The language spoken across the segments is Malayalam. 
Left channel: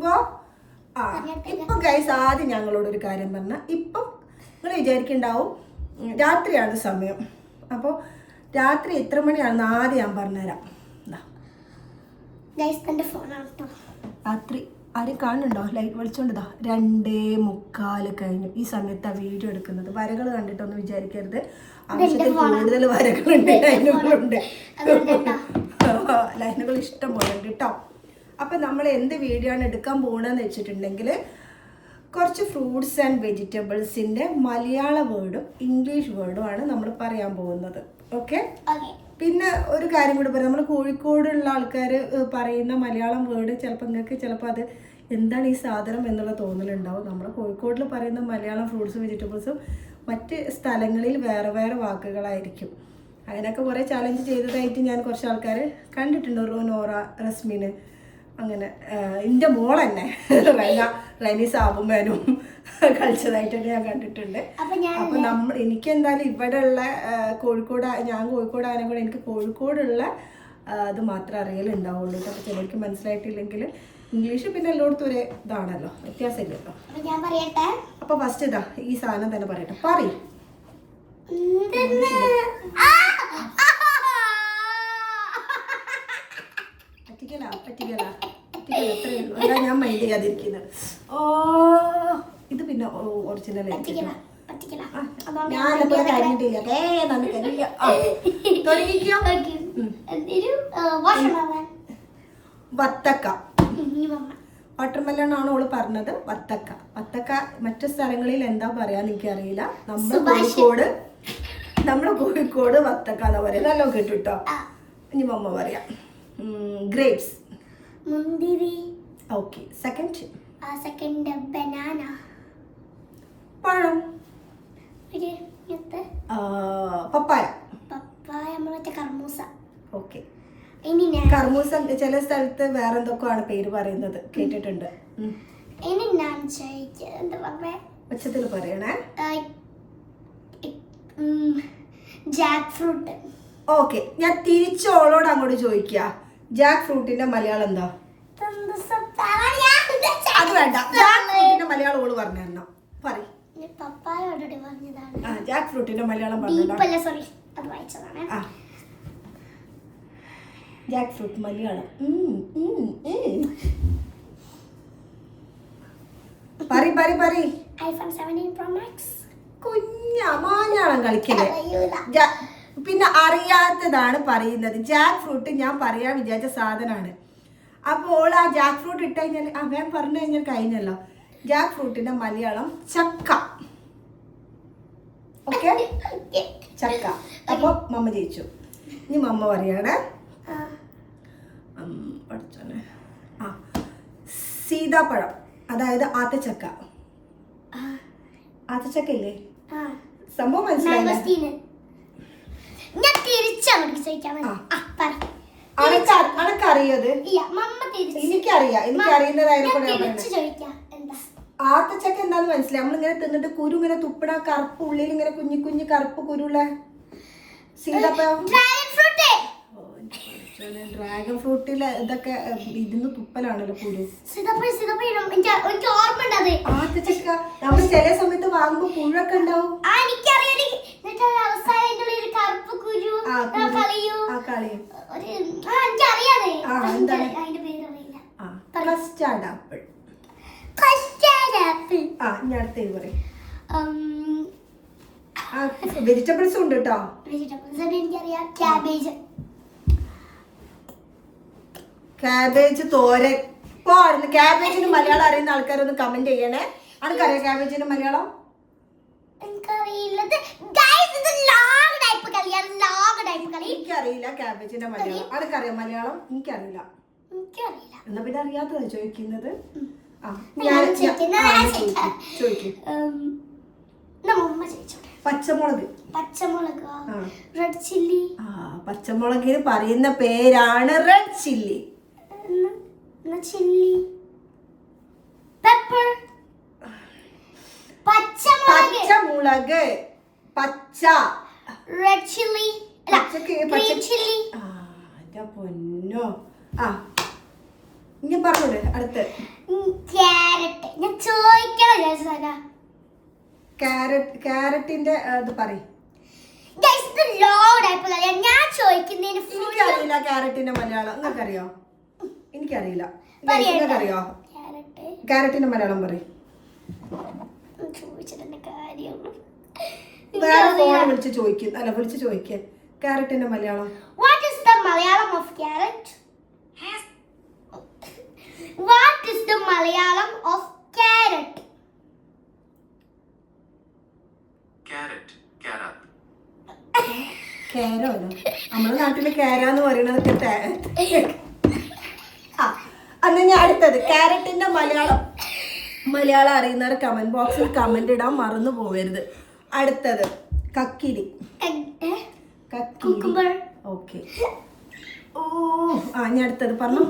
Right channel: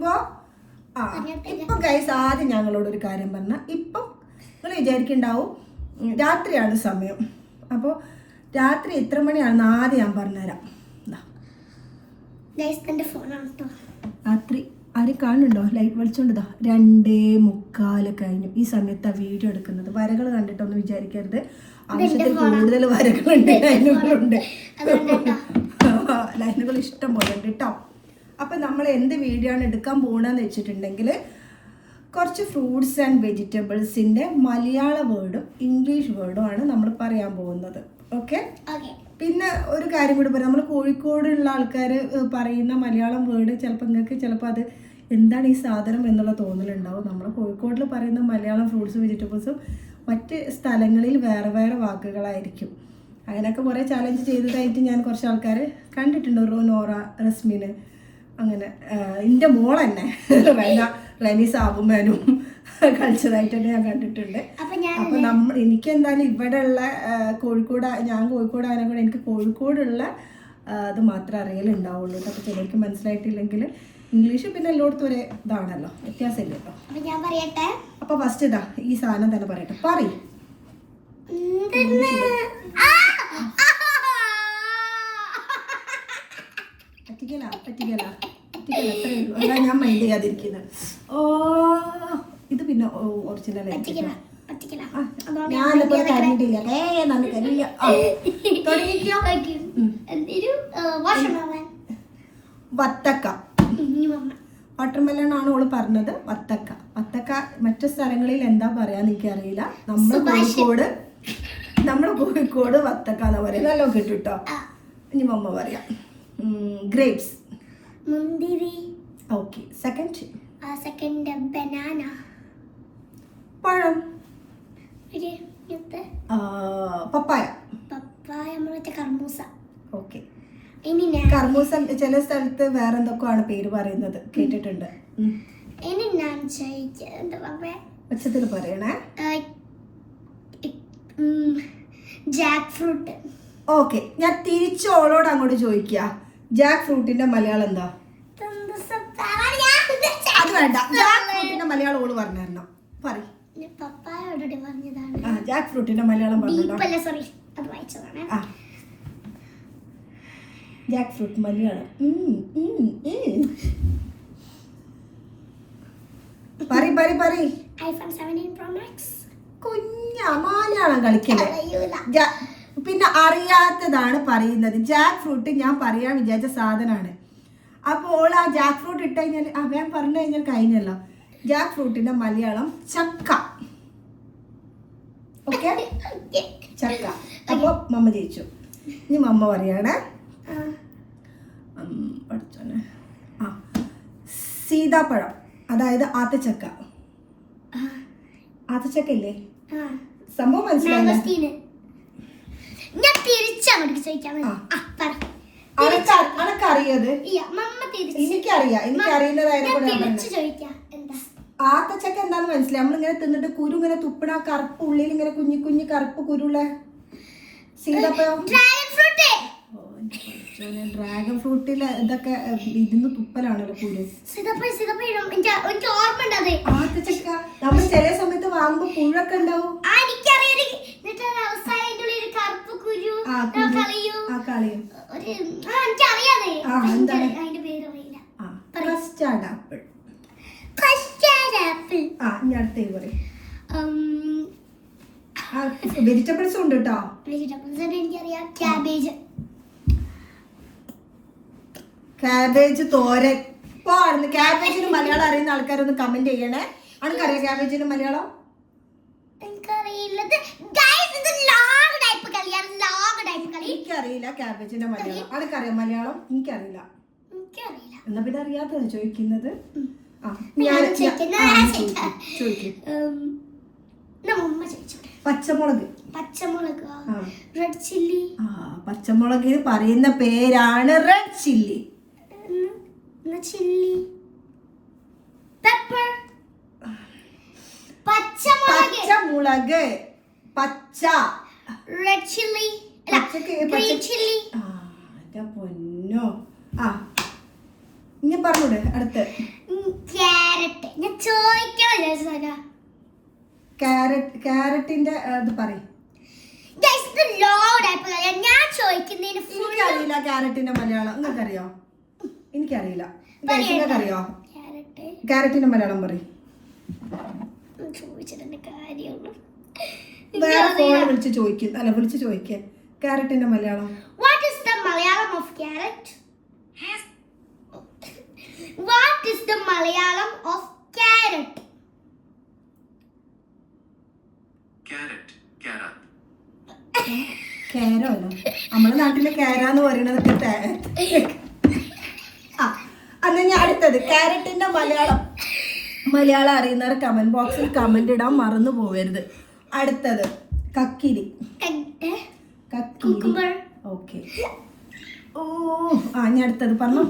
ചോദിക്കുമ്പോ ഇപ്പൊ ഗൈസ് ആദ്യം ഞങ്ങളോടൊരു കാര്യം പറഞ്ഞ, ഇപ്പം നിങ്ങൾ വിചാരിക്കുന്നുണ്ടാവും രാത്രിയാണ് സമയം. അപ്പോൾ രാത്രി എത്ര മണിയാണെന്ന് ആദ്യം ഞാൻ പറഞ്ഞുതരാം. രാത്രി ആരും കാണുന്നുണ്ടോ? ലൈറ്റ് വിളിച്ചോണ്ടതാ 2:45 കഴിഞ്ഞു. ഈ സമയത്താണ് വീഡിയോ എടുക്കുന്നത്. വരകൾ കണ്ടിട്ടൊന്നും വിചാരിക്കരുത്, ആവശ്യത്തിൽ കൂടുതൽ വരകളുണ്ട്, ലൈനുകളുണ്ട്, ലൈനുകൾ ഇഷ്ടം പോലെ ഉണ്ട് കേട്ടോ. അപ്പം നമ്മൾ എന്ത് വീഡിയോ ആണ് എടുക്കാൻ പോകണമെന്ന് വെച്ചിട്ടുണ്ടെങ്കിൽ കുറച്ച് ഫ്രൂട്ട്സ് ആൻഡ് വെജിറ്റബിൾസിൻ്റെ മലയാള വേർഡും ഇംഗ്ലീഷ് വേർഡും ആണ് നമ്മൾ പറയാൻ പോകുന്നത്. ഓക്കെ. പിന്നെ ഒരു കാര്യം കൂടി പറയാം, നമ്മൾ കോഴിക്കോടുള്ള ആൾക്കാർ പറയുന്ന മലയാളം വേർഡ് ചിലപ്പോൾ നിങ്ങൾക്ക് ചിലപ്പോൾ അത് എന്താണ് ഈ സാധനം എന്നുള്ള തോന്നലുണ്ടാവും. നമ്മൾ കോഴിക്കോടിൽ പറയുന്ന മലയാളം ഫ്രൂട്ട്സും വെജിറ്റബിൾസും മറ്റ് സ്ഥലങ്ങളിൽ വേറെ വേറെ വാക്കുകളായിരിക്കും. അങ്ങനെയൊക്കെ കുറേ ചാലഞ്ച് ചെയ്തതായിട്ട് ഞാൻ കുറച്ച് ആൾക്കാർ കണ്ടിട്ടുണ്ട്. നോറ, റസ്മിന്, അങ്ങനെ എൻ്റെ മോൾ തന്നെ റൈനി സാബുമാനും കളിച്ചതായിട്ടുണ്ട് ഞാൻ കണ്ടിട്ടുണ്ട്. അപ്പം എനിക്കെന്തായാലും ഇവിടെ ഉള്ള കോഴിക്കോട്, ഞാൻ കോഴിക്കോടായതിനെ കൂടെ എനിക്ക് കോഴിക്കോടുള്ള അത് മാത്രമേ അറിയലുണ്ടാവുള്ളൂ കേട്ടോ. അപ്പോൾ ചിലർക്ക് മനസ്സിലായിട്ടില്ലെങ്കിൽ ഇംഗ്ലീഷ് പിന്നെ എല്ലായിടത്തും ഒരേ ഇതാണല്ലോ, വ്യത്യാസമില്ലല്ലോ. അപ്പോൾ ഫസ്റ്റ് ഇതാ ഈ സാധനം തന്നെ പറയട്ടെ. പറ്റിക്കല എത്രയേ ഉള്ളൂ. അതാ ഞാൻ മൈൻഡ് ചെയ്യാതിരിക്കുന്നത്. ഇത് പിന്നെ ഒറിജിനൽ ആയിരിക്കും. ഞാൻ എന്നെപ്പോലെ കരിഞ്ഞിട്ടില്ല, നല്ല കരിയില്ല. തുടങ്ങിക്കോ. വത്തക്ക, വാട്ടർമെലൺ ആണ് ഓള് പറഞ്ഞത്. വത്തക്ക, വത്തക്ക മറ്റു സ്ഥലങ്ങളിൽ എന്താ പറയാന്ന് എനിക്കറിയില്ല. നമ്മള് കോഴിക്കോട് വത്തക്ക എന്നാ പറയാ. നല്ലോ കിട്ടും കേട്ടോ. ഇനി മമ്മ പറയാം. Grapes, okay. സെക്കൻഡ് ബനാന, പഴം, പപ്പായ, കർമൂസ. ഓക്കെ. കർമൂസ ചില സ്ഥലത്ത് വേറെ എന്തൊക്കെയാണ് പേര് പറയുന്നത് കേട്ടിട്ടുണ്ട്. ഉച്ചത്തിൽ പറയണേ. Jack fruit. ഓക്കെ, ഞാൻ തിരിച്ചോളോട് അങ്ങോട്ട് ചോദിക്കുക, ജാക്ക് ഫ്രൂട്ടിന്റെ മലയാളം എന്താ? അത് വേണ്ട, ജാക്ക് ഫ്രൂട്ടിന്റെ മലയാളം ഓള് പറഞ്ഞോ. പറയ്. ജാക്ക് ഫ്രൂട്ടിന്റെ മലയാളം പറഞ്ഞോ. ജാക്ക് ഫ്രൂട്ട് മലയാളം പറയ്. മലയാളം കളിക്കല്ലേ. പിന്നെ അറിയാത്തതാണ് പറയുന്നത്. ജാക്ക് ഫ്രൂട്ട് ഞാൻ പറയാൻ വിചാരിച്ച സാധനമാണ്. അപ്പോൾ ആ ജാക്ക് ഫ്രൂട്ട് ഇട്ട് കഴിഞ്ഞാൽ ഞാൻ പറഞ്ഞു കഴിഞ്ഞാൽ കഴിഞ്ഞല്ലോ. ജാക്ക് ഫ്രൂട്ടിന്റെ മലയാളം ചക്ക. ഓക്കെ, ചക്ക. അപ്പൊ മമ്മ ജയിച്ചു. ഇനി മമ്മ പറയാണ്. പഠിച്ചോനെ. സീതാപ്പഴം, അതായത് ആത്തച്ചക്ക. ആത്തച്ചക്ക ഇല്ലേ? സംഭവം മനസ്സിലായില്ലേ? അനക്കറിയത്? എനിക്കറിയുന്നതായതുകൊണ്ട് ഞാൻ പറയുന്നത്. ആത്തച്ചക്ക എന്താന്ന് മനസ്സിലായി? നമ്മളിങ്ങനെ തിന്നിട്ട് കുരു ഇങ്ങനെ തുപ്പിട, കറുപ്പ് ഉള്ളിൽ ഇങ്ങനെ കുഞ്ഞു കുഞ്ഞു കറുപ്പ് കുരുള്ള സീതാപ്പഴം. ഡ്രാഗൺ ഫ്രൂട്ടില് ഇതൊക്കെ ഇതിന്ന് തുപ്പലാണല്ലോ കുരു. ആത്തച്ചക്ക നമ്മൾ ചില സമയത്ത് വാങ്ങുമ്പോ പുഴൊക്കെ ഉണ്ടാവും. Custard apple. ഇനി അടുത്ത പറയും. വെജിറ്റബിൾസ് ഉണ്ട് കേട്ടോ. ക്യാബേജ് തോരൻ. ക്യാബേജിന് മലയാളം അറിയുന്ന ആൾക്കാരൊന്ന് കമന്റ് ചെയ്യണേ. അനക്കറിയാം ക്യാബേജിന് മലയാളം? എനിക്കറിയില്ല ക്യാബേജിന്റെ മലയാളം. അനക്കറിയാം മലയാളം? എനിക്കറിയില്ല. എന്നാ പിന്നെ അറിയാത്തതാണ് ചോദിക്കുന്നത്. ചോദിക്കും. പച്ചമുളക്. പച്ചമുളകിന് പറയുന്ന പേരാണ് റെഡ് ചില്ലി. പച്ചമുളക്, പച്ച, റെഡ് ചില്ലി, പൊന്നോ. ഇനി പറഞ്ഞൂടെ അടുത്ത്? ക്യാരറ്റ്. ഞാൻ ചോദിക്കാൻ വിചാരിച്ചതാ. ക്യാരറ്റിന്റെ ഇത് പറയും. Guys, ഇത് long type അല്ല. ഞാൻ ചോദിക്കുന്നതിന് full എനിക്കറിയില്ല ക്യാരറ്റിന്റെ മലയാളം. നിങ്ങൾക്കറിയോ? എനിക്കറിയില്ല. നിങ്ങൾക്കറിയോ? ക്യാരറ്റിന്റെ മലയാളം പറയും. ചോദിച്ചിട്ടുണ്ട് കാര്യമുള്ളൂ. വേറെ ഫോൺ വിളിച്ച് ചോദിക്കും. അല്ല, വിളിച്ച് ചോദിക്കുക ക്യാരറ്റിന്റെ Malayalam. What is the Malayalam of carrot? What is the Malayalam of carrot? Carrot, carrot. കേരോ അല്ല, നമ്മുടെ നാട്ടില് കേരാന്ന് പറയണതൊക്കെ അന്ന് ഞാൻ അടുത്തത് ക്യാരറ്റിന്റെ മലയാളം അറിയുന്നവർ കമന്റ് ബോക്സിൽ കമന്റ് ഇടാൻ മറന്നു പോകരുത്. അടുത്തത് കക്കിരി. കക്കിരി. ഓക്കെ. ഓ ഞാൻ അടുത്തത് പറഞ്ഞോ.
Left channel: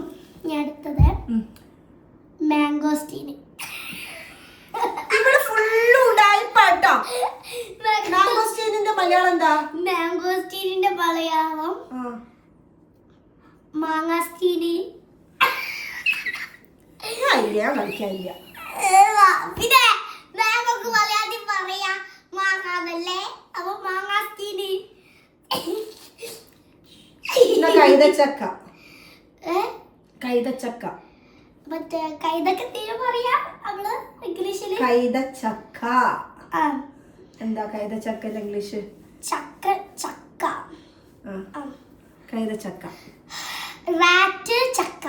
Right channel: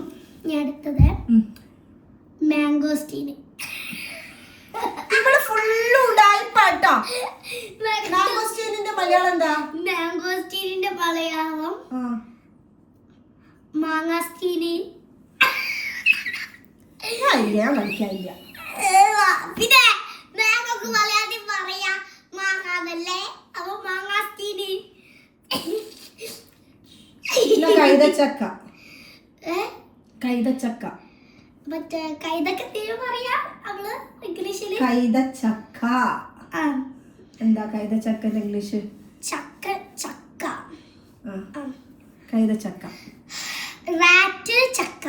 അടുത്തത് മാംഗോസ്റ്റീൻ. ഇവിടെ ഫുള്ള് ഉടായിപ്പാട്ടോ. മാംഗോസ്റ്റീനിന്റെ മലയാളം എന്താ? മാംഗോസ്റ്റീനിന്റെ മലയാളം മാങ്ങാസ്റ്റീന്. ഞാൻ കളിക്കാനില്ല. പിന്നെ മാങ്ങോക്ക് മലയാളത്തിൽ പറയാ മാങ്ങാതല്ലേ, അപ്പൊ മാങ്ങാസ്റ്റീന്. കൈതച്ചക്ക. കൈതച്ചക്ക. മറ്റേ കൈതൊക്കെ തീരെ പറയാ നമ്മള് ഇംഗ്ലീഷില്. കൈതച്ചക്ക. എന്താ കൈതച്ചക്ക ഇംഗ്ലീഷ്? ചക്ക. ചക്ക. കൈതച്ചക്ക. റാറ്റ് ചക്ക.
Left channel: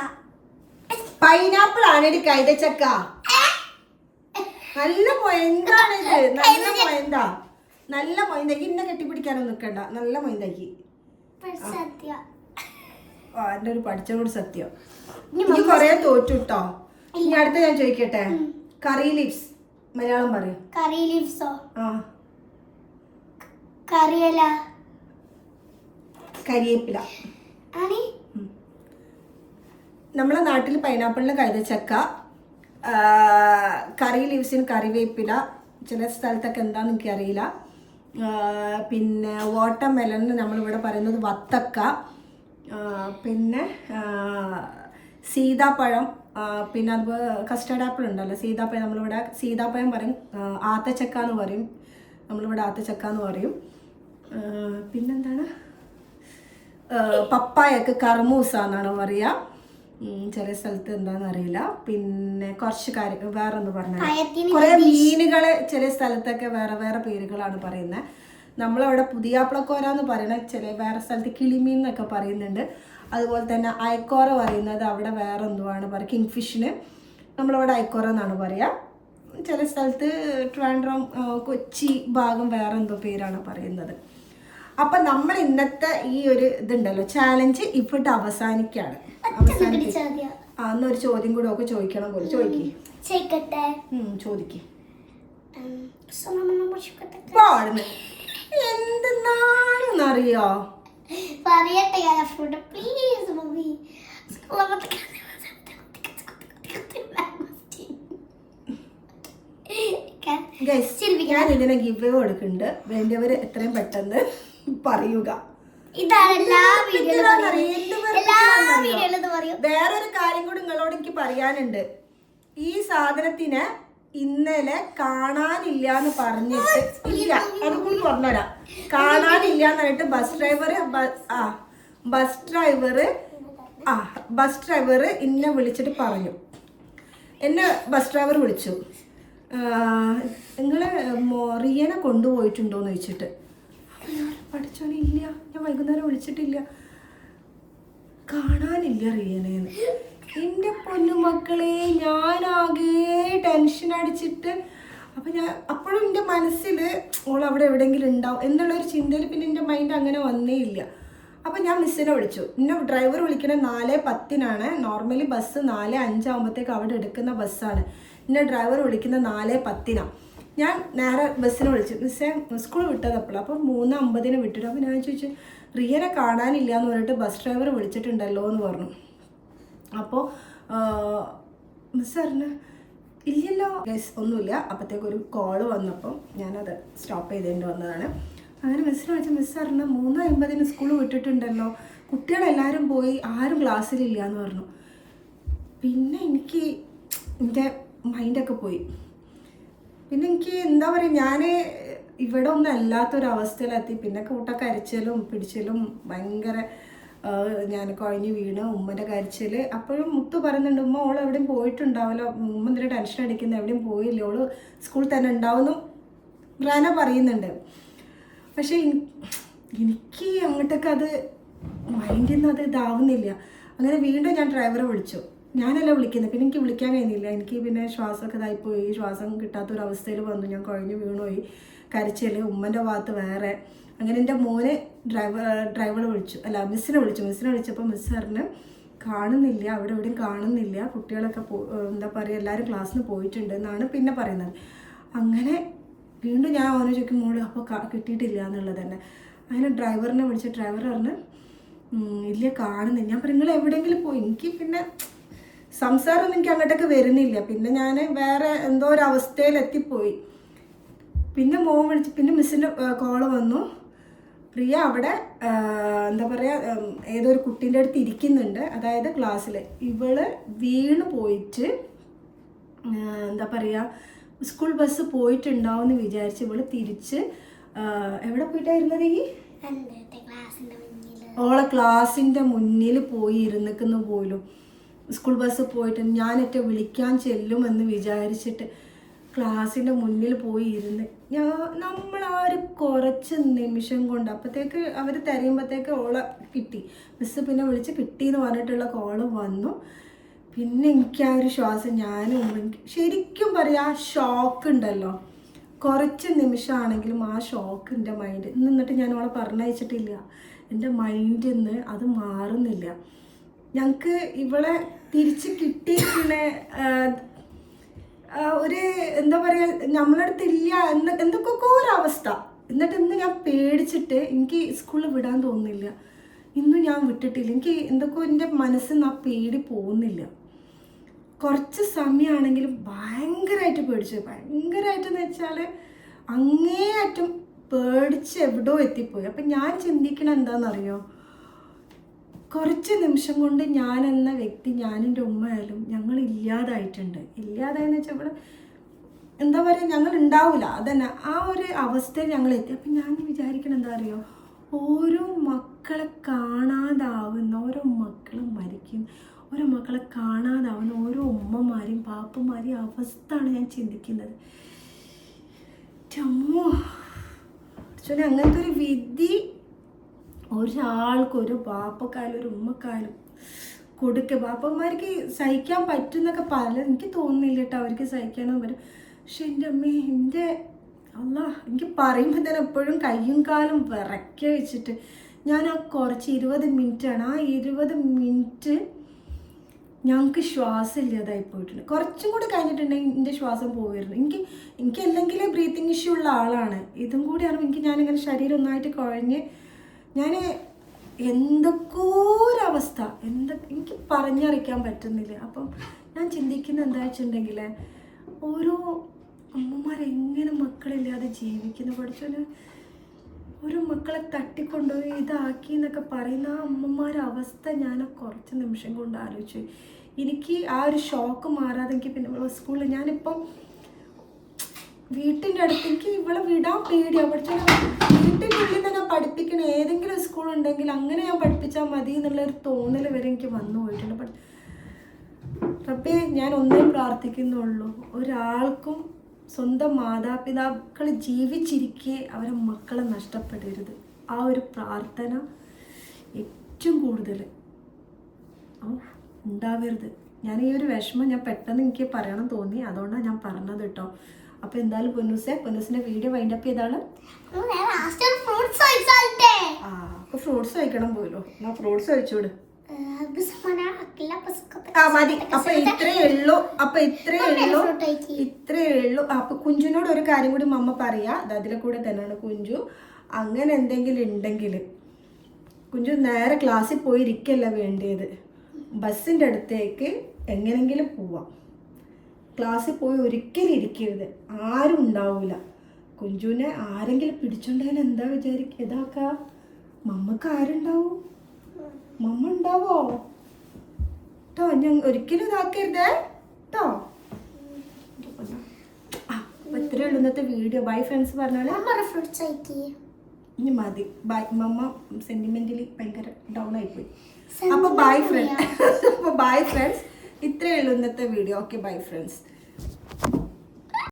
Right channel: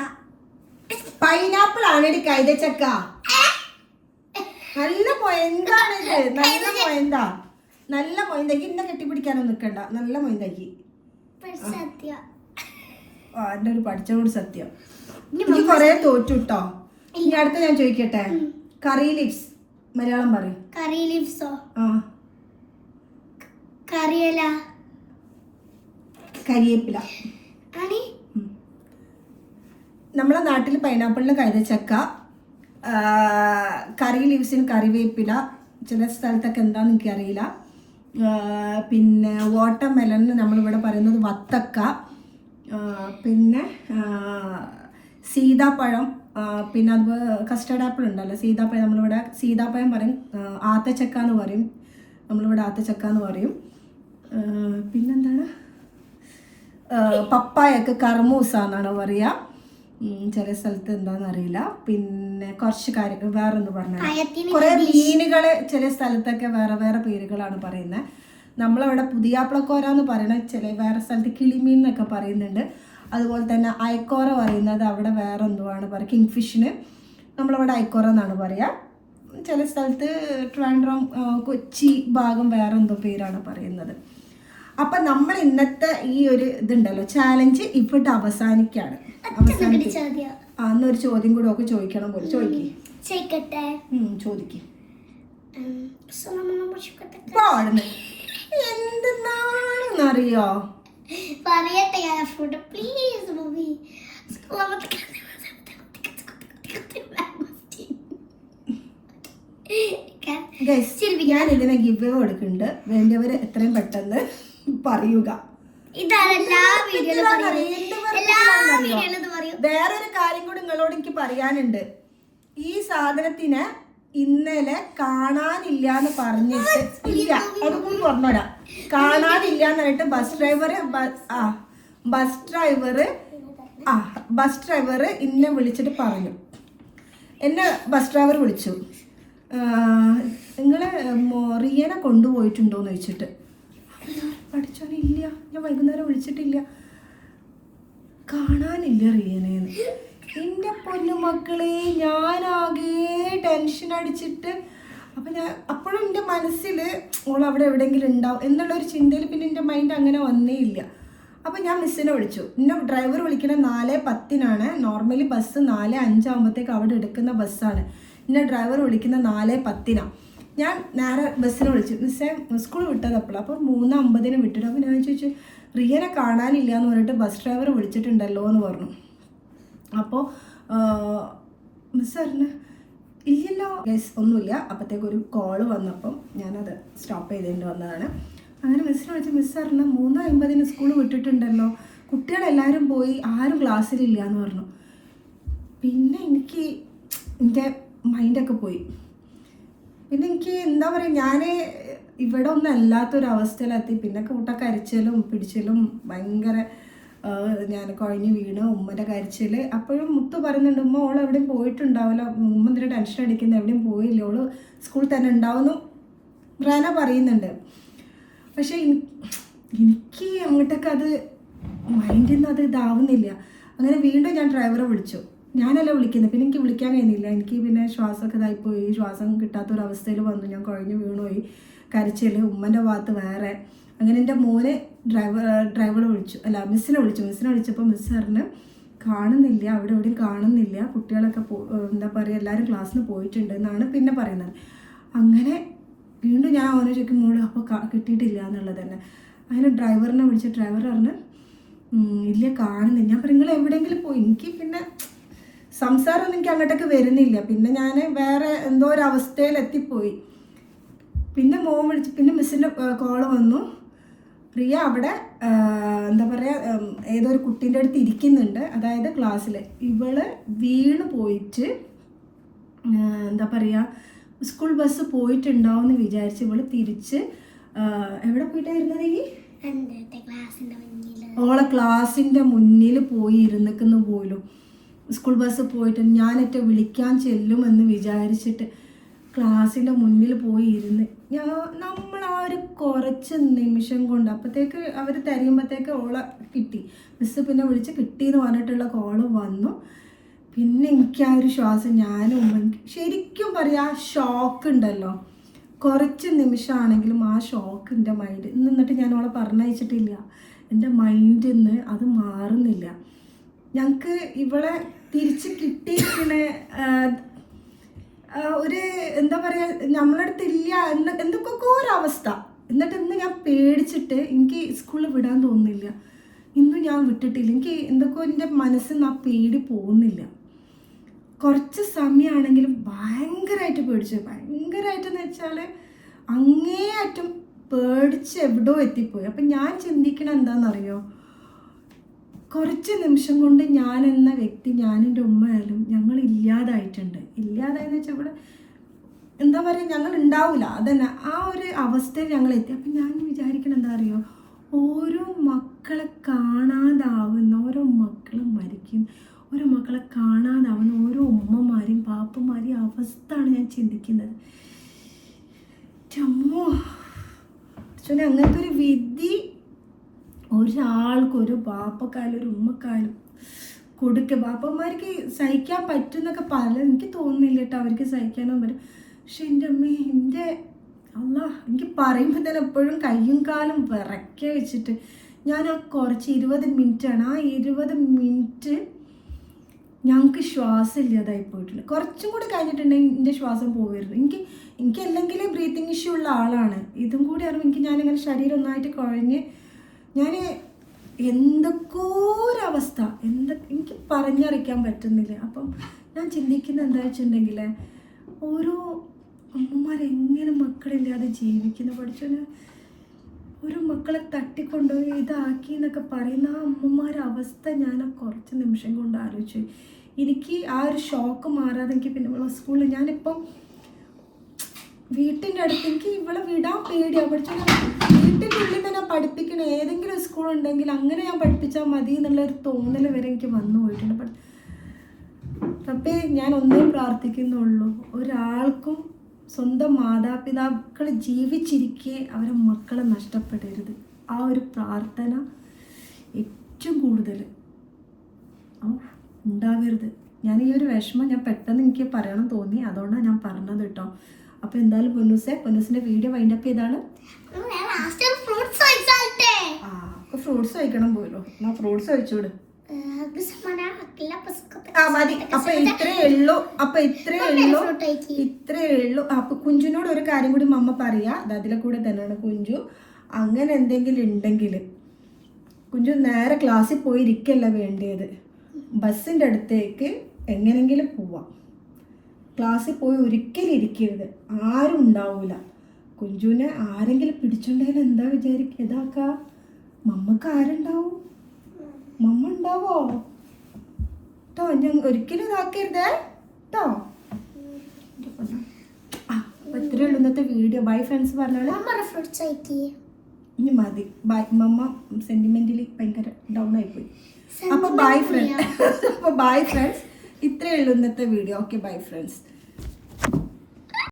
പൈനാപ്പിൾ ആണെടി കൈതച്ചക്ക. നല്ല മൊയന്താണിത്. നല്ല മൊയന്താ. നല്ല മൊയന്താക്കി. ഇന്നെ കെട്ടിപ്പിടിക്കാനൊന്നും നിൽക്കണ്ട. നല്ല മൊയന്താക്കി. എന്റെ ഒരു പഠിച്ച കൂടി സത്യം. എനിക്ക് കൊറേ തോറ്റുട്ടോ. ഇനി അടുത്ത ഞാൻ ചോദിക്കട്ടെ. കറി ലീവ്സ് മലയാളം പറയും. കറി ലീവ്സോ? ആ, കറിയല. കരിയേപ്പില. നമ്മളെ നാട്ടിൽ പൈനാപ്പിളിന് കൈതച്ചക്ക, കറി ലീവ്സിന് കറിവേപ്പില, ചില സ്ഥലത്തൊക്കെ എന്താണെന്ന് എനിക്കറിയില്ല. പിന്നെ വാട്ടർ മെലണിന് നമ്മളിവിടെ പറയുന്നത് വത്തക്ക, പിന്നെ സീതാപ്പഴം, പിന്നെ അതുപോലെ കസ്റ്റർഡ് ആപ്പിൾ ഉണ്ടല്ലോ, സീതാപ്പഴം. നമ്മളിവിടെ സീതാപ്പഴം പറയും, ആത്തച്ചക്ക എന്ന് പറയും. നമ്മളിവിടെ ആത്തച്ചക്ക എന്ന് പറയും. പിന്നെന്താണ്, പപ്പായക്ക് കർമൂസ എന്നാണ് പറയുക. ചില സ്ഥലത്ത് എന്താണെന്ന് അറിയില്ല. പിന്നെ കുറച്ച് കാര്യങ്ങൾ വേറെ ഒന്ന് പറഞ്ഞാൽ, കുറേ മീനുകൾ ചില സ്ഥലത്തൊക്കെ വേറെ വേറെ പേരുകളാണ് പറയുന്നത്. നമ്മളവിടെ പുതിയാപ്പിളക്കോര എന്ന് പറയുന്നത് ചില വേറെ സ്ഥലത്ത് കിളിമീൻ എന്നൊക്കെ പറയുന്നുണ്ട്. അതുപോലെ തന്നെ അയക്കോറ പറയുന്നത് അവിടെ വേറെ എന്തുവാണ് പറയുക, കിങ് ഫിഷിന് നമ്മളിവിടെ അയക്കോറ എന്നാണ് പറയുക. ചില സ്ഥലത്ത് ട്രിവാൻഡ്രം, കൊച്ചി ഭാഗം വേറെ എന്തോ പേരാണ് പറയുന്നത്. അപ്പം നമ്മൾ ഇന്നത്തെ ഈ ഒരു ഇതുണ്ടല്ലോ ചാലഞ്ച് ഇവിടെ അവസാനിക്കുകയാണ്. അന്നൊരു ചോദ്യം കൂടെ ഒക്കെ ചോദിക്കണം പോലെ. ചോദിക്കേ, ചോദിക്കേ. പാടുന്നു എന്തെന്നാണെന്നറിയോ? ഞാൻ ഇതിനെ ഗിവ് അവേ കൊടുക്കുന്നുണ്ട്. വേണ്ടിയവർ എത്രയും പെട്ടെന്ന് പറയുക. വേറൊരു കാര്യം കൂടി നിങ്ങളോട് എനിക്ക് പറയാനുണ്ട്. ഈ സാധനത്തിന് ഇന്നലെ കാണാനില്ല എന്ന് പറഞ്ഞിട്ട് ഇല്ല, അതുകൂടി പറഞ്ഞുതരാം. കാണാനില്ല എന്ന് പറഞ്ഞിട്ട് ബസ് ഡ്രൈവർ എന്നെ വിളിച്ചിട്ട് പറഞ്ഞു. എന്നെ ബസ് ഡ്രൈവർ വിളിച്ചു, നിങ്ങളെ റിയനെ കൊണ്ടുപോയിട്ടുണ്ടോയെന്ന് ചോദിച്ചിട്ട്. അപ്പം ഞാൻ പഠിച്ചോനെ ഇല്ല, ഞാൻ വൈകുന്നേരം വിളിച്ചിട്ടില്ല, കാണാനില്ല റിയനേന്ന്. എൻ്റെ പൊന്നുമക്കളെ, ഞാനാകെ ടെൻഷൻ അടിച്ചിട്ട്. അപ്പം ഞാൻ അപ്പോഴും എൻ്റെ മനസ്സിൽ ഓൾ അവിടെ എവിടെയെങ്കിലും ഉണ്ടാവും എന്നുള്ളൊരു ചിന്തയിൽ പിന്നെ എൻ്റെ മൈൻഡ് അങ്ങനെ വന്നേ ഇല്ല. അപ്പം ഞാൻ മിസ്സിനെ വിളിച്ചു. എന്നെ ഡ്രൈവർ വിളിക്കുന്നത് 4:10 നോർമലി ബസ് 4:05 അവിടെ എടുക്കുന്ന ബസ്സാണ്. എന്നെ ഡ്രൈവർ വിളിക്കുന്നത് 4:10. ഞാൻ നേരെ ബസ്സിനെ വിളിച്ചു. മിസ്സേ സ്കൂൾ വിട്ടത് അപ്പോൾ 3:50 വിട്ടിട്ട്. അപ്പോൾ ഞാൻ ചോദിച്ചു, റിയനെ കാണാനില്ല എന്ന് പറഞ്ഞിട്ട് ബസ് ഡ്രൈവർ വിളിച്ചിട്ടുണ്ടല്ലോ എന്ന് പറഞ്ഞു. അപ്പോൾ മിസ് പറഞ്ഞു ഇല്ലല്ലോ ഗൈസ്, ഒന്നുമില്ല. അപ്പോഴത്തേക്ക് ഒരു കോള് വന്നപ്പം ഞാനത് സ്റ്റോപ്പ് ചെയ്തേണ്ടി വന്നതാണ്. അങ്ങനെ മിസ്സിനെ വിളിച്ച് മിസ് പറഞ്ഞു 3:50 സ്കൂൾ വിട്ടിട്ടുണ്ടല്ലോ, കുട്ടികളെല്ലാവരും പോയി, ആരും ക്ലാസ്സിലില്ല എന്ന് പറഞ്ഞു. പിന്നെ എൻ്റെ മൈൻഡൊക്കെ പോയി. പിന്നെ എനിക്ക് എന്താ പറയുക, ഞാൻ ഇവിടെ ഒന്നും അല്ലാത്തൊരവസ്ഥയിലെത്തി. പിന്നെ കരച്ചിലും പിടിച്ചിലും ഭയങ്കര, ഞാൻ കുഴഞ്ഞ് വീണ് ഉമ്മൻ്റെ കരച്ചിൽ. അപ്പോഴും മുത്തു പറയുന്നുണ്ട്, ഉമ്മ ഓൾ എവിടെയും പോയിട്ടുണ്ടാവില്ല, ഉമ്മ എന്തിനാ ടെൻഷൻ അടിക്കുന്നത്, എവിടെയും പോയില്ല, ഓള് സ്കൂളിൽ തന്നെ ഉണ്ടാവുമെന്നും റന പറയുന്നുണ്ട്. പക്ഷേ എനിക്ക് അങ്ങോട്ടൊക്കെ അത് മൈൻഡിൽ നിന്ന് അത് ഇതാവുന്നില്ല. അങ്ങനെ വീണ്ടും ഞാൻ ഡ്രൈവറെ വിളിച്ചു. ഞാനല്ല വിളിക്കുന്നത്, പിന്നെ എനിക്ക് വിളിക്കാൻ കഴിയുന്നില്ല. എനിക്ക് പിന്നെ ശ്വാസമൊക്കെ ഇതായിപ്പോയി, ശ്വാസം കിട്ടാത്തൊരവസ്ഥയിൽ വന്നു. ഞാൻ കുഴഞ്ഞു വീണുപോയി. കരച്ചിൽ ഉമ്മൻ്റെ ഭാഗത്ത് വേറെ. അങ്ങനെ എൻ്റെ മോനെ ഡ്രൈവറെ വിളിച്ചു, മിസ്സിനെ വിളിച്ചപ്പോൾ മിസ് പറഞ്ഞ് കാണുന്നില്ല, അവിടെ എവിടെയും കാണുന്നില്ല, കുട്ടികളൊക്കെ എന്താ പറയുക, എല്ലാവരും ക്ലാസ്സിന് പോയിട്ടുണ്ട് എന്നാണ് പിന്നെ പറയുന്നത്. അങ്ങനെ വീണ്ടും ഞാൻ അവനെ ചോദിക്കും, മോള് അപ്പോൾ കിട്ടിയിട്ടില്ല എന്നുള്ളത് തന്നെ. അങ്ങനെ ഡ്രൈവറിനെ വിളിച്ച് ഡ്രൈവർ പറഞ്ഞ് ഇല്ല കാണുന്നില്ല. ഞാൻ പറഞ്ഞു നിങ്ങൾ എവിടെയെങ്കിലും പോയി. എനിക്ക് പിന്നെ സംസാരമൊന്നും എനിക്ക് അങ്ങോട്ടൊക്കെ വരുന്നില്ല. പിന്നെ ഞാൻ വേറെ എന്തോ ഒരു അവസ്ഥയിൽ എത്തിപ്പോയി. പിന്നെ മോൻ വിളിച്ച്, പിന്നെ മിസ്സിൻ്റെ കോള് വന്നു, പ്രിയ അവിടെ എന്താ പറയുക ഏതൊരു കുട്ടീൻ്റെ അടുത്ത് ഇരിക്കുന്നുണ്ട്, അതായത് ക്ലാസ്സിൽ. ഇവള് വീണ് പോയിട്ട് എന്താ പറയുക സ്കൂൾ ബസ് പോയിട്ടുണ്ടാവും എന്ന് വിചാരിച്ച് ഇവള് തിരിച്ച് എവിടെ പോയിട്ടായിരുന്നത്? ഓളെ ക്ലാസ്സിൻ്റെ മുന്നിൽ പോയി ഇരുന്നിക്കുന്നു പോലും. സ്കൂൾ ബസ് പോയിട്ട് ഞാനൊക്കെ വിളിക്കാൻ ചെല്ലുമെന്ന് വിചാരിച്ചിട്ട് ക്ലാസ്സിൻ്റെ മുന്നിൽ പോയി ഇരുന്ന് നമ്മൾ ആ ഒരു കുറച്ച് നിമിഷം കൊണ്ട് അപ്പോഴത്തേക്ക് അവർ തരുമ്പോഴത്തേക്ക് ഓളെ കിട്ടി. മിസ്സ് പിന്നെ വിളിച്ച് കിട്ടിയെന്ന് പറഞ്ഞിട്ടുള്ള കോള് വന്നു. പിന്നെ എനിക്ക് ആ ഒരു ശ്വാസം ഞാനും ശരിക്കും പറയാം, ആ ഷോക്ക് ഉണ്ടല്ലോ, കുറച്ച് നിമിഷമാണെങ്കിലും ആ ഷോക്ക് എൻ്റെ മൈൻഡ് എന്നിട്ട് ഞാൻ അവളെ പറഞ്ഞയച്ചിട്ടില്ല. എൻ്റെ മൈൻഡിൽ നിന്ന് അത് മാറുന്നില്ല. ഞങ്ങൾക്ക് ഇവളെ തിരിച്ച് കിട്ടിയിരിക്കണ ഒരു എന്താ പറയുക നമ്മളടുത്തില്ല എന്തൊക്കെ ഒരവസ്ഥ. എന്നിട്ട് ഇന്ന് ഞാൻ പേടിച്ചിട്ട് എനിക്ക് സ്കൂളിൽ വിടാൻ തോന്നുന്നില്ല. ഇന്നും ഞാൻ വിട്ടിട്ടില്ല. എനിക്ക് എന്തൊക്കെയോ എൻ്റെ മനസ്സിൽ നിന്ന് ആ പേടി പോകുന്നില്ല. കുറച്ച് സമയമാണെങ്കിലും ഭയങ്കരമായിട്ട് പേടിച്ചു. ഭയങ്കരമായിട്ടെന്ന് വെച്ചാൽ അങ്ങേയറ്റം പേടിച്ച് എവിടെയോ എത്തിപ്പോയി. അപ്പം ഞാൻ ചിന്തിക്കണം എന്താണെന്നറിയോ, കുറച്ച് നിമിഷം കൊണ്ട് ഞാൻ എന്ന വ്യക്തി, ഞാനെൻ്റെ ഉമ്മയായാലും ഞങ്ങൾ ഇല്ലാതായിട്ടുണ്ട്. ഇല്ലാതായെന്ന് വെച്ചാൽ ഇവിടെ എന്താ പറയുക, ഞങ്ങൾ ഉണ്ടാവില്ല, അതന്നെ ആ ഒരു അവസ്ഥയിൽ ഞങ്ങൾ എത്തി. അപ്പം ഞാൻ വിചാരിക്കണം എന്താ അറിയോ, ഓരോ മക്കളെ കാണാതാവുന്ന, ഓരോ മക്കളും മരിക്കും, ഓരോ മക്കളെ കാണാതാവുന്ന ഓരോ ഉമ്മമാരെയും പാപ്പന്മാരെയും അവസ്ഥയാണ് ഞാൻ ചിന്തിക്കുന്നത്. ചമ്മോ ചൊല്ലി അങ്ങനത്തെ ഒരു വിധി ഒരാൾക്കും, ഒരു ബാപ്പക്കായാലും ഒരു ഉമ്മക്കായാലും കൊടുക്കുക. ബാപ്പന്മാർക്ക് സഹിക്കാൻ പറ്റുന്നൊക്കെ എനിക്ക് തോന്നുന്നില്ല കേട്ടോ, അവർക്ക് സഹിക്കാനോ പറ്റും. പക്ഷെ എൻ്റെ അമ്മേ, എൻ്റെ അല്ലാ, എനിക്ക് പറയുമ്പോൾ തന്നെ എപ്പോഴും കയ്യും കാലും വിറയ്ക്ക വെച്ചിട്ട് ഞാൻ ആ കുറച്ച് 20 മിനിറ്റാണ്, ആ 20 മിനിറ്റ് ഞങ്ങൾക്ക് ശ്വാസം ഇല്ലാതായി പോയിട്ടുണ്ട്. കുറച്ചും കൂടി കഴിഞ്ഞിട്ടുണ്ടെങ്കിൽ എൻ്റെ ശ്വാസം പോവുമായിരുന്നു. എനിക്ക് അല്ലെങ്കിൽ ബ്രീത്തിങ് ഇഷ്യൂ ഉള്ള ആളാണ്. ഇതും കൂടി അറിയുമ്പോൾ ഞാനിങ്ങനെ ശരീരം ഒന്നായിട്ട് കുഴഞ്ഞ് ഞാൻ എന്തൊക്കെ ഒരവസ്ഥ എനിക്ക് പറഞ്ഞറിയിക്കാൻ പറ്റുന്നില്ല. അപ്പം ഞാൻ ചിന്തിക്കുന്നത് എന്താ വെച്ചിട്ടുണ്ടെങ്കിൽ, ഓരോ അമ്മമാരെങ്ങനെ മക്കളില്ലാതെ ജീവിക്കുന്നു പഠിച്ചോന്. ഓരോ മക്കളെ തട്ടിക്കൊണ്ടുപോയി ഇതാക്കി എന്നൊക്കെ പറയുന്ന ആ അമ്മമാരുടെ അവസ്ഥ ഞാൻ കുറച്ച് നിമിഷം കൊണ്ട് ആലോചിച്ചു. എനിക്ക് ആ ഒരു ഷോക്ക് മാറാതെ എനിക്ക് പിന്നെ സ്കൂളിൽ ഞാനിപ്പോൾ വീട്ടിൻ്റെ അടുത്ത് എനിക്ക് ഇവളെ വിടാൻ പേടിയാണ്. പഠിച്ചാൽ വീട്ടിൻ്റെ ഉള്ളിൽ തന്നെ പഠിപ്പിക്കണ ഏതെങ്കിലും സ്കൂൾ ഉണ്ടെങ്കിൽ അങ്ങനെ ഞാൻ പഠിപ്പിച്ചാൽ മതി എന്നുള്ളൊരു തോന്നൽ വരെ എനിക്ക് വന്നു പോയിട്ടുണ്ട്. റബ്ബേ, ഞാൻ ഒന്നേ പ്രാർത്ഥിക്കുന്നുള്ളൂ, ഒരാൾക്കും സ്വന്തം മാതാപിതാക്കൾ ജീവിച്ചിരിക്കെ അവരെ മക്കളെ നഷ്ടപ്പെടരുത്. ആ ഒരു പ്രാർത്ഥന ഏറ്റവും കൂടുതൽ ഉണ്ടാവരുത്. ഞാൻ ഈ ഒരു വിഷമം ഞാൻ പെട്ടെന്ന് എനിക്ക് പറയണം തോന്നി, അതുകൊണ്ടാണ് ഞാൻ പറഞ്ഞത് കേട്ടോ. അപ്പോൾ എന്തായാലും പൊന്നൂസിൻ്റെ വീഡിയോ വൈൻഡപ്പ് ചെയ്താണ്. ഫ്രൂട്ട്സ് കഴിക്കണം പോലോ, ഞാൻ ഫ്രൂട്ട്സ് കഴിച്ചോട്. മതി. അപ്പൊ ഇത്രേ ഉള്ളൂ. അപ്പൊ കുഞ്ചുനോട് ഒരു കാര്യം കൂടി മമ്മ പറയാ, അതിലെ കൂടെ തന്നെയാണ് കുഞ്ചു. അങ്ങനെ എന്തെങ്കിലും ഉണ്ടെങ്കിൽ കുഞ്ചു നേരെ ക്ലാസ്സിൽ പോയി ഇരിക്കല്ല വേണ്ടിയത്, ബസ്സിൻ്റെ അടുത്തേക്ക് എങ്ങനെങ്കിലും പോവാം. ക്ലാസ്സിൽ പോയി ഒരിക്കലും ഇരിക്കരുത്, ആരും ഉണ്ടാവില്ല. കുഞ്ചുവിനെ ആരെങ്കിലും പിടിച്ചോണ്ടതിൽ എന്താ വിചാരിക്കുക, ഇതാക്കാ മമ്മക്ക് ആരുണ്ടാവും? മമ്മ ഉണ്ടാവോ കേട്ടോ? ഞാൻ ഒരിക്കലും ഇതാക്കരുതേ കേട്ടോ. ഇത്രയേ ഉള്ളൂ ഇന്നത്തെ വീഡിയോ. ബൈ ഫ്രണ്ട്സ് പറഞ്ഞാൽ അമ്മ ഫ്രൂട്ട്സ് ആയിട്ട് ഇനി മതി. ബൈ. മമ്മ സെന്റിമെന്റലി ഭയങ്കര ഡൗൺ ആയിപ്പോയി. അപ്പോൾ ബൈ ഫ്രണ്ട്സ്. അപ്പോൾ ബൈ ഫ്രണ്ട്സ്. ഇത്രയേ ഉള്ളൂ ഇന്നത്തെ വീഡിയോ. Okay bye friends.